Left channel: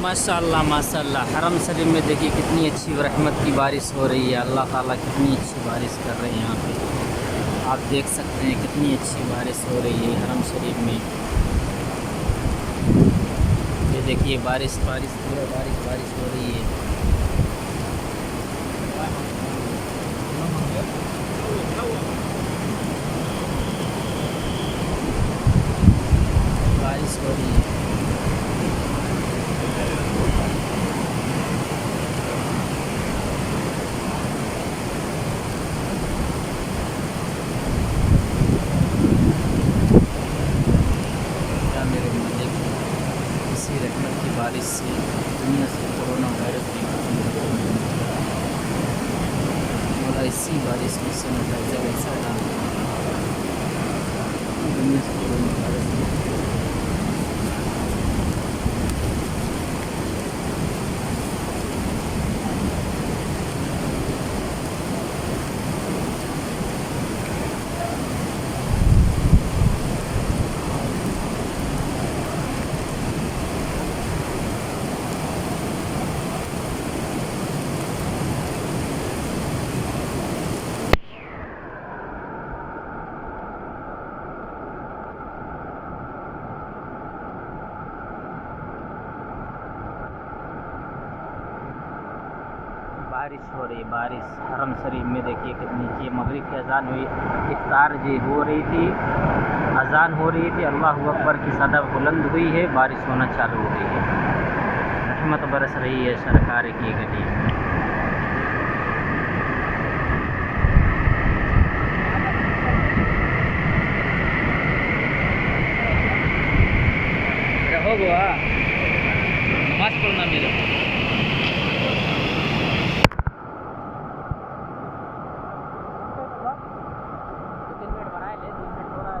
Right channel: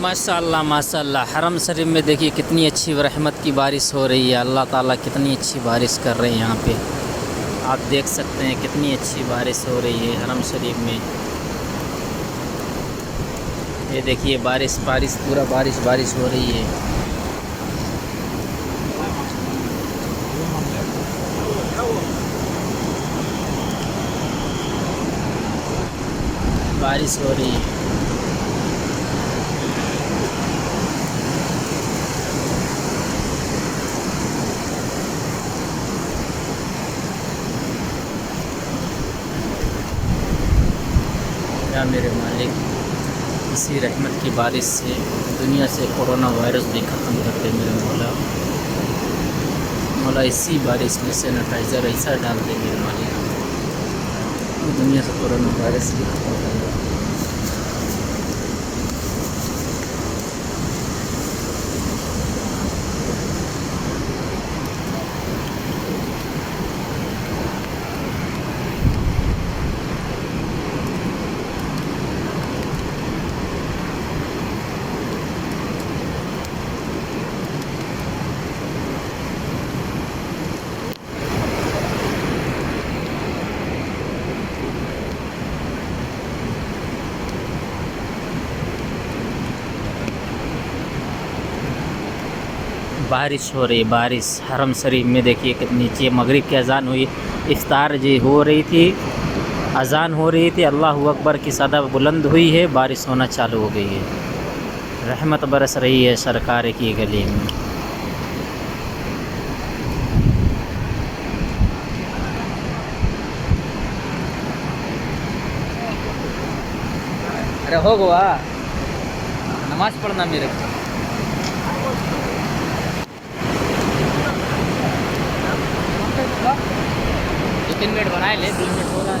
माशाअल्लाह माशाअल्लाह। हरम शरीफ में देखिए कितनी अच्छी रहमत की बारिश हो रही है। अल्लाह ताला कितनी अच्छी बारिश कर रहे हैं यहाँ पे। आप देख सकते हैं कितनी अच्छी बारिश हो रही है हरम शरीफ में। ये देखिए बारिश बारिश पूरा बारिश बारिश हो रही है। बारिश हो रही है। या मेरे मालिक, इसी रहमत की बारिश से दुनिया से कोरोना वायरस भी ख़त्म कर दे मेरे मौला। मौला इसी बारिश में सैनिटाइज़र ऐसा डाल दे मेरे मालिक, दुनिया से कोरोना वायरस भी खत्म कर दे। बारिश हो रही है बारिश हरम शरीफ में। देखिए कितनी नीचे मगरिब की अज़ान हुई, इफ्तार जी हो रही थी, अज़ान हो रही थी, अल्लाह अकबर की सदा बुलंद हुई है, बारिश होना चालू हो गई है। रहमत बरस रही है सरकार की गली में। हो गया नमाज पढ़ना मेरे 2-3 मिनट बनाए ले, 2 मिनट हो रहा है।